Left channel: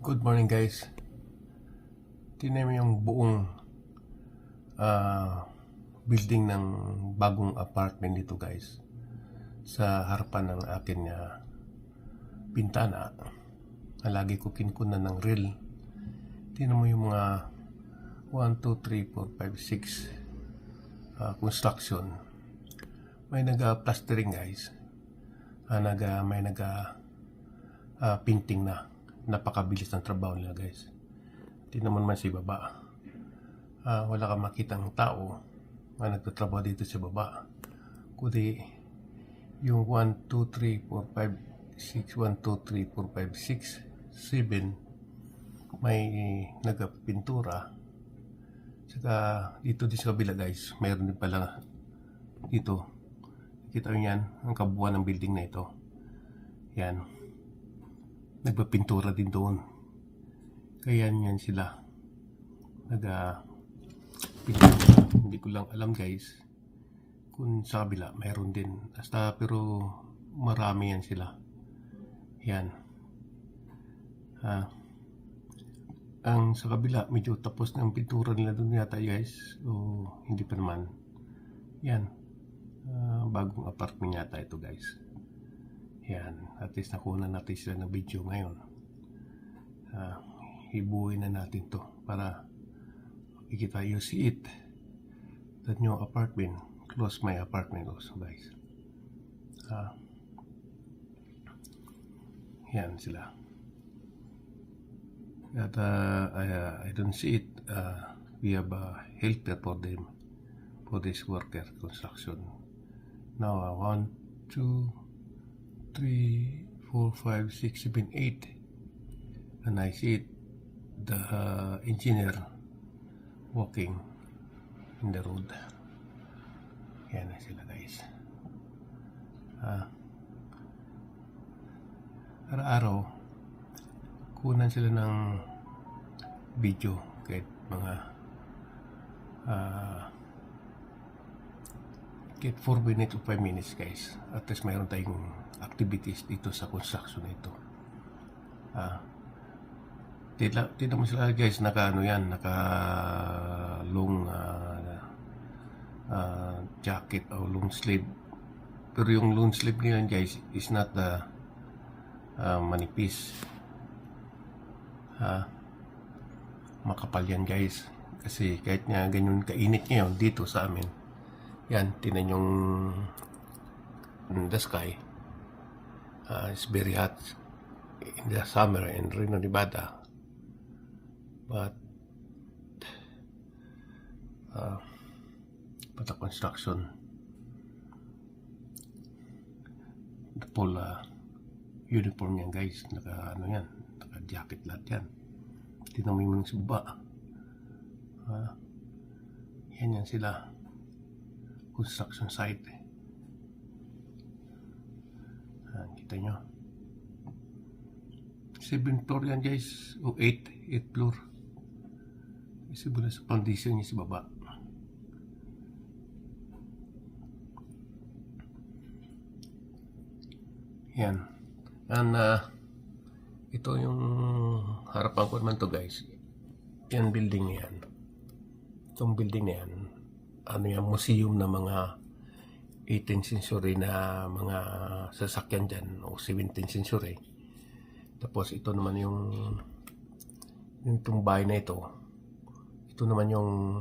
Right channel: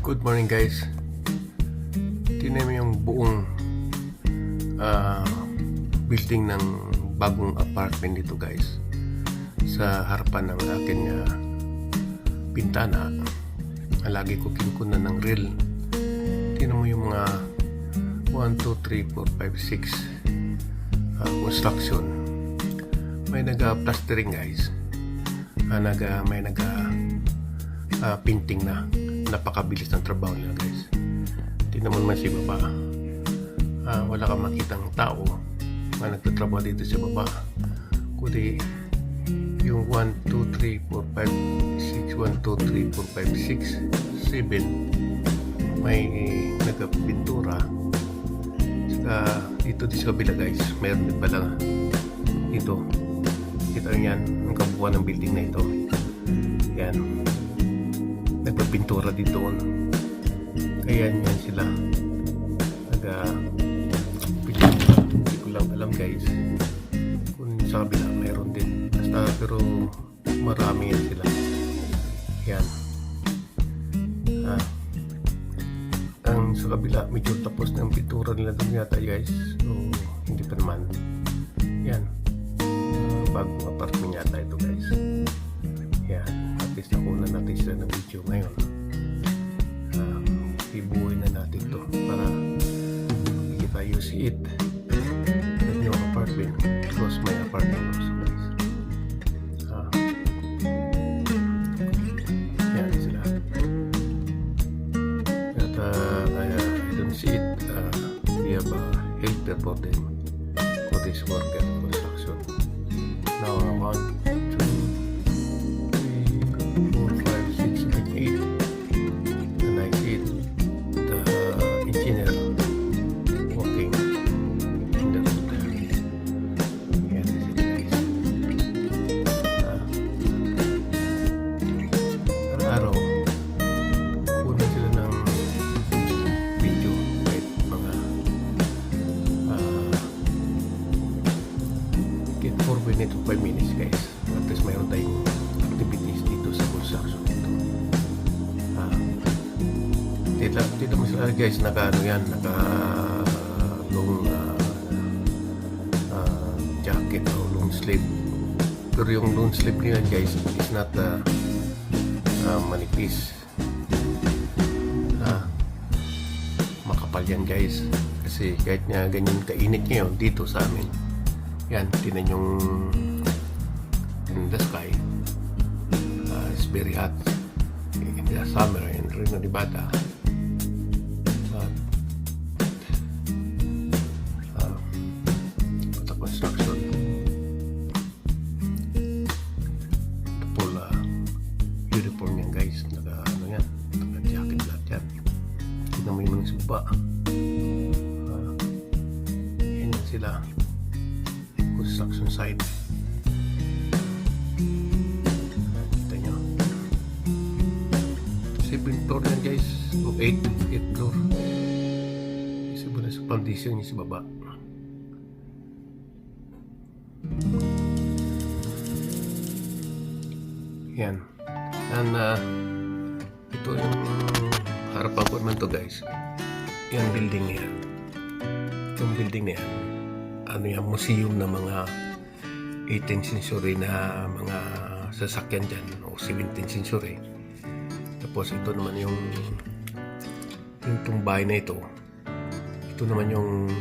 Good morning guys. Tingnan mo yung buong building ng bagong apartment dito guys. Sa harapan ng akin pintana, lagi ko kinkunan ng reel. Tingnan mo yung mga 1, 2, 3, 4, 5, 6 construction. May nag-plastering guys. May painting na. Napakabilis ng trabaho nila guys. Tingnan mo naman si baba. Wala kang makitang tao na nagtatrabaho dito sa baba, kundi yung 1, 2, 3, 4, 5, 6 1, 2, 3, 4, 5, 6, 7 may nagpintura. Saka dito sa kabila guys, mayroon din pala dito. Kita nyo yan, ang kabuuan ng building na ito. Yan, nagpapintura dito. Kaya yan sila nagpintura. Hindi ko lang alam guys kung sa kabila mayroon din. Basta pero marami yan sila. Yan. Ang sa kabila medyo tapos na ang pintura nila doon yata guys. So hindi pa naman. Yan. Bagong apartment yata ito guys. Yan. At least nakuha natin sila ng video ngayon. Ibuhay na natin to para makikita you see it, the new apartment close my apartment also guys. Yan sila. At I don't see it. We have a helper for them, for this worker construction. Now 1, 2, 3, 4, 5, 6, 7, 8, and I see it. The engineer walking in the road. Yan is it guys. Araw-araw kunan sila ng video kahit mga 4 minutes to 5 minutes guys. At least mayroon tayong activities dito sa construction dito. Tila mo sila guys, naka long jacket o long sleeve. Pero yung long sleeve nila guys is not manipis. Makapal yan guys. Kasi kahit nga ganyan kainit ngayon dito sa amin. Yan, tinan yung in the sky. It's very hot in the summer in Reno, Nevada. But the construction, the full uniform yan guys, naka jacket lahat yan. Tignan mo yung mga suba. Yan sila, construction site. Kita nyo 7 floor yan guys, o 8 floor. Isa ba na sa foundation niya sa baba. Yan. And ito yung harapan ko naman to guys. Yan building na yan. Itong building na yan, yan, museum na mga 18th century na mga sasakyan dyan o 17th century. Tapos ito naman yung bahay na ito naman yung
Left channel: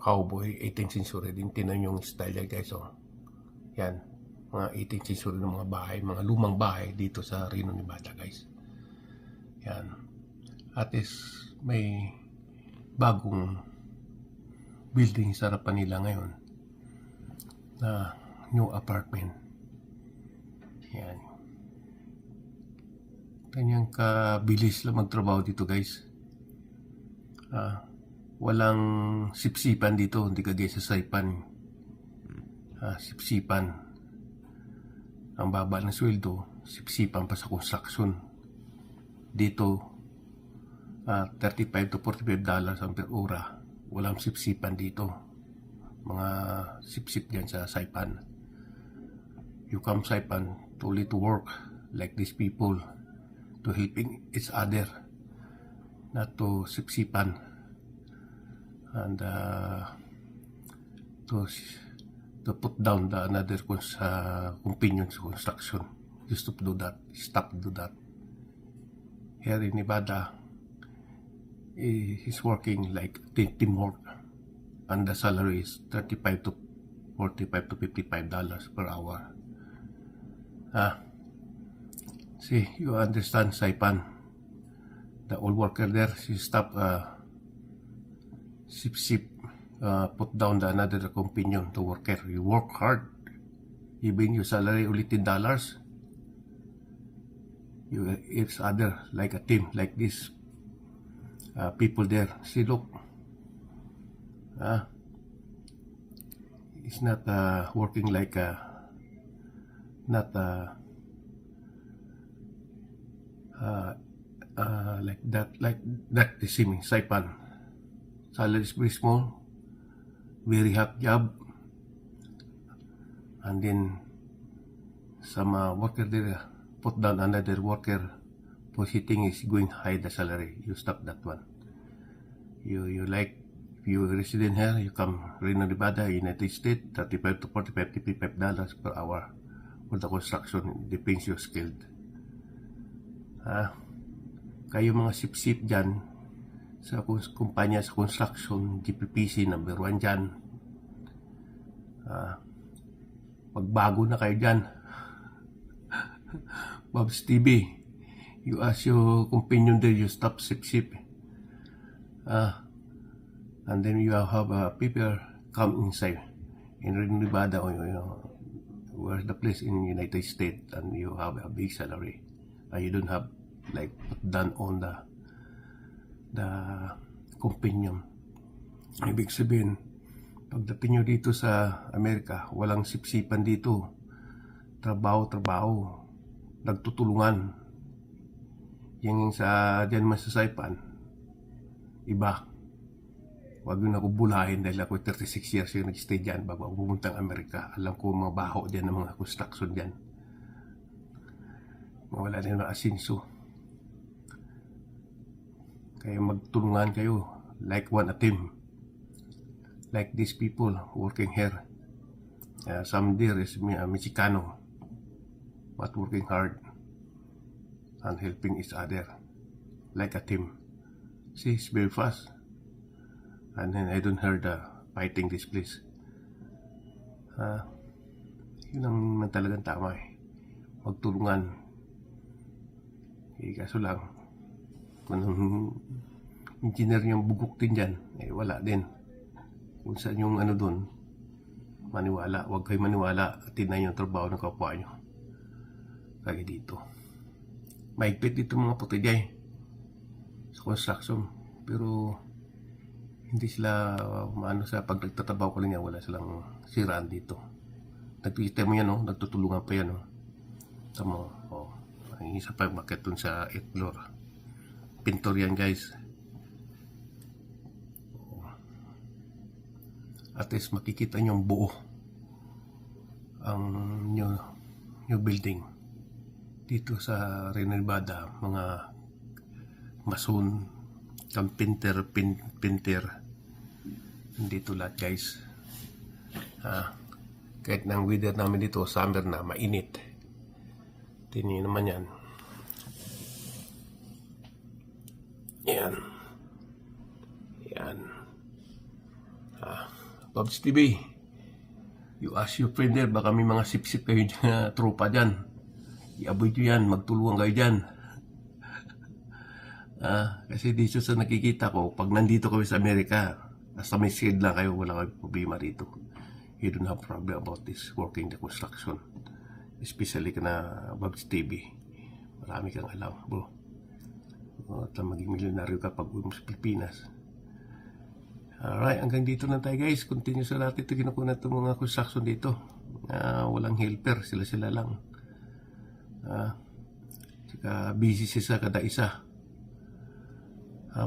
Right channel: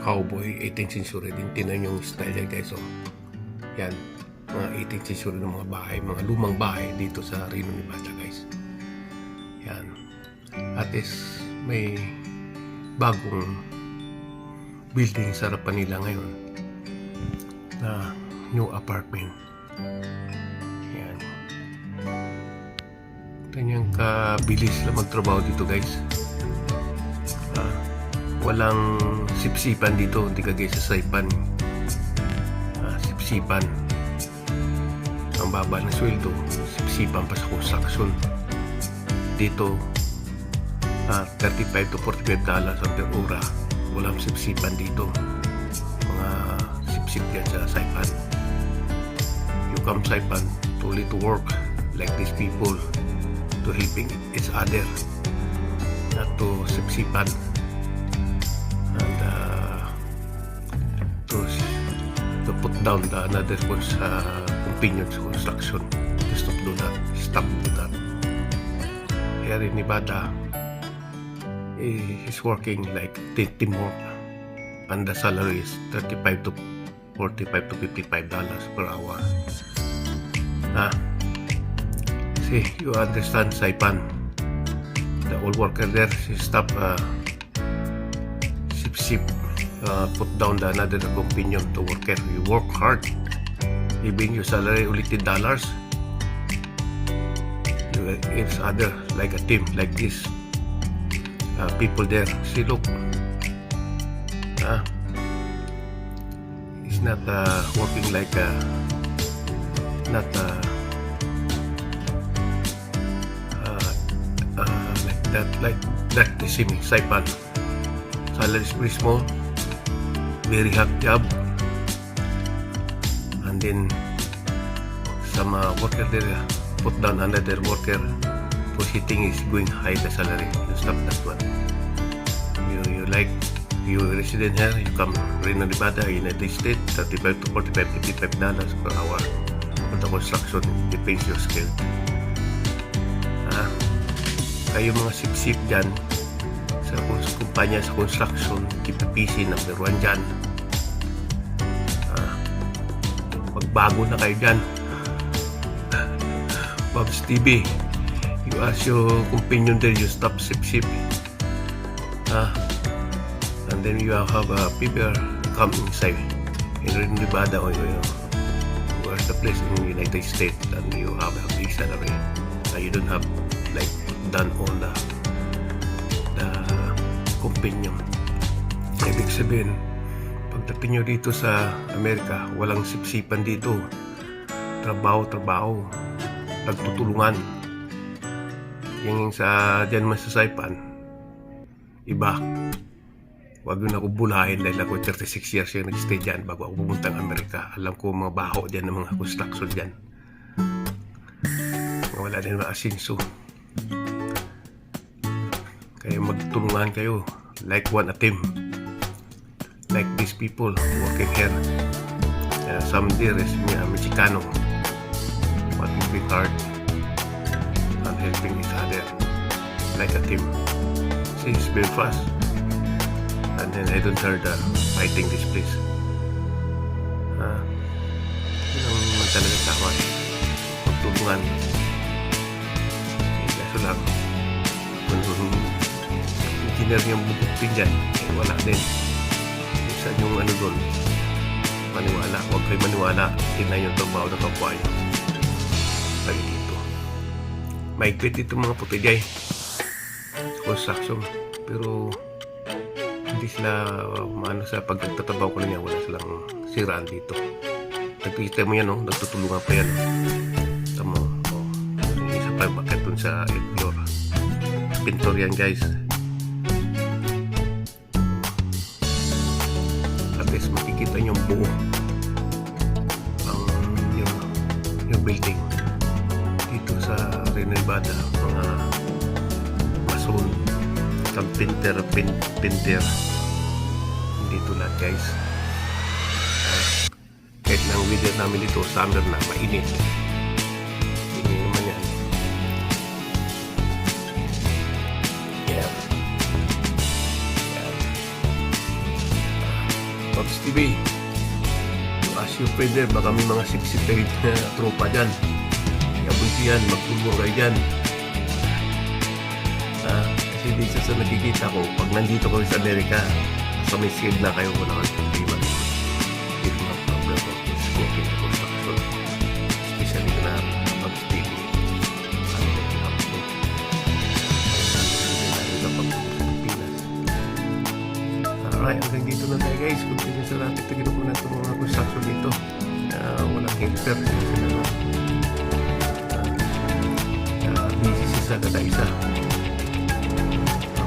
cowboy 18th century din. Tinan yung style yan guys. Yan, mga 18th century ng mga bahay, mga lumang bahay dito sa Reno, Nevada guys. Yan. At least may bagong building sa harapan nila ngayon na new apartment. Yan. Kanyang kabilis lang magtrabaho dito guys. Walang sipsipan dito, hindi kagaya sa Saipan. Sipsipan, ang baba ng sweldo, sipsipan pa sa construction. Dito 35 to 45 dollars per ora. Walang sipsipan dito. Mga sipsip yan sa Saipan. You come Saipan to work like these people. to helping each other, not to sipsipan and to put down the another companions construction. To stop do that. Here in Nevada, he's working like teamwork, and the salary is $35 to $45 to $55 per hour. See, you understand, Saipan? The old worker there, she stop sip, put down the another companion to worker. You work hard, even your salary only $10. You each other like a team, like this. People there, see, look. It's not working like not like that. You see me, Saipan. Salary is very small, very hard job, and then some worker there put down another worker whose hitting is going high the salary. You stop that one. You like, you resident here, you come Reno, Nevada, United States, $35 to $45, $55 per hour for the construction. Depends your skill. Kayo mga sip-sip dyan sa kumpanya sa construction, KPPC number 1 dyan. Magbago na kayo dyan. Bob's TV, you ask your companion there, you stop sip-sip. And then you have people come inside in Nevada or where's the place in the United States, and you have a big salary. You don't have like done all the companion. Ibig sabihin, pagdating nyo dito sa Amerika, walang sipsipan dito. Trabaho, nagtutulungan. Yung sa dyan man sa Saipan, iba. Wag yun ako bulahin dahil ako 36 years yung nag-stay dyan bago ako pumuntang Amerika. Alam ko mga baho dyan ng mga construction dyan. Wala din mga asinso. Kaya magtulungan kayo like one a team. Like these people working here. Some there is Mexicano. But moving hard and helping each other like a team. See, it's very fast. And then I don't heard fighting this place. Yun ang talaga tama. Magtulungan. Kaso lang, kung engineer niyang bubuktin dyan, wala din. Minsan yung doon, maniwala. Huwag kayo maniwala. Tingnan yung trabaho ng kapwa nyo. Lagi dito. Maigpit dito mga putijay. Construction. Pero hindi sila maano sa pagtatrabaho ko niya, wala silang siraan dito. Nagpikita mo yan, nagtutulungan pa yan. Tama, isa pa bakit dun sa 8th floor. Pintor yan, guys. At least makikita nyo buo ang yung building dito sa Reno, Nevada. Mga mason, isang pinter dito lahat, guys. Kahit ng weather namin dito, summer na, mainit. Hindi naman yan. Yan. Bob's TV, you ask your friend there, baka may mga sip-sip kayo na tropa dyan. I-avoid yan, magtulungan kayo dyan. Kasi dito sa nakikita ko, pag nandito kayo sa Amerika, nasa may skid na kayo, wala kayo problema dito. Dito na problem ko is working the construction, especially na Bob's TV. Ano na kinap mo? Ano na narito pagpunta sa Pilipinas. Alright, hanggang dito na tayo, guys. Continue sa natin. Tignan ko na itong mga construction dito. Walang helper, sila lang. Busy siya kada isa.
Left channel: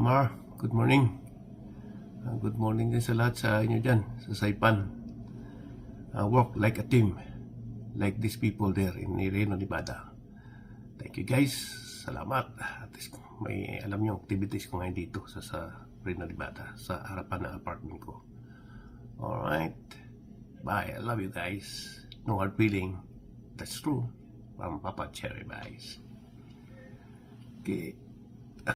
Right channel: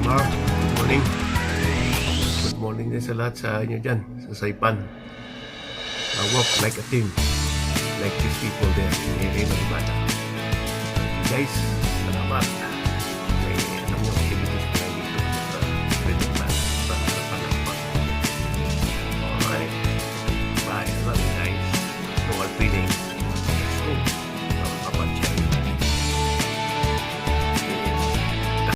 Mar, good morning. Good morning din sa lahat sa inyo dyan, sa Saipan. Work like a team, like these people there in Reno, Nevada. Okay, guys. Salamat. salamat. May alam niyo activities ko na dito sa Freedom Plan sa harapan ng park. Alright. Bye. I love you guys. No hard feelings. Let's go.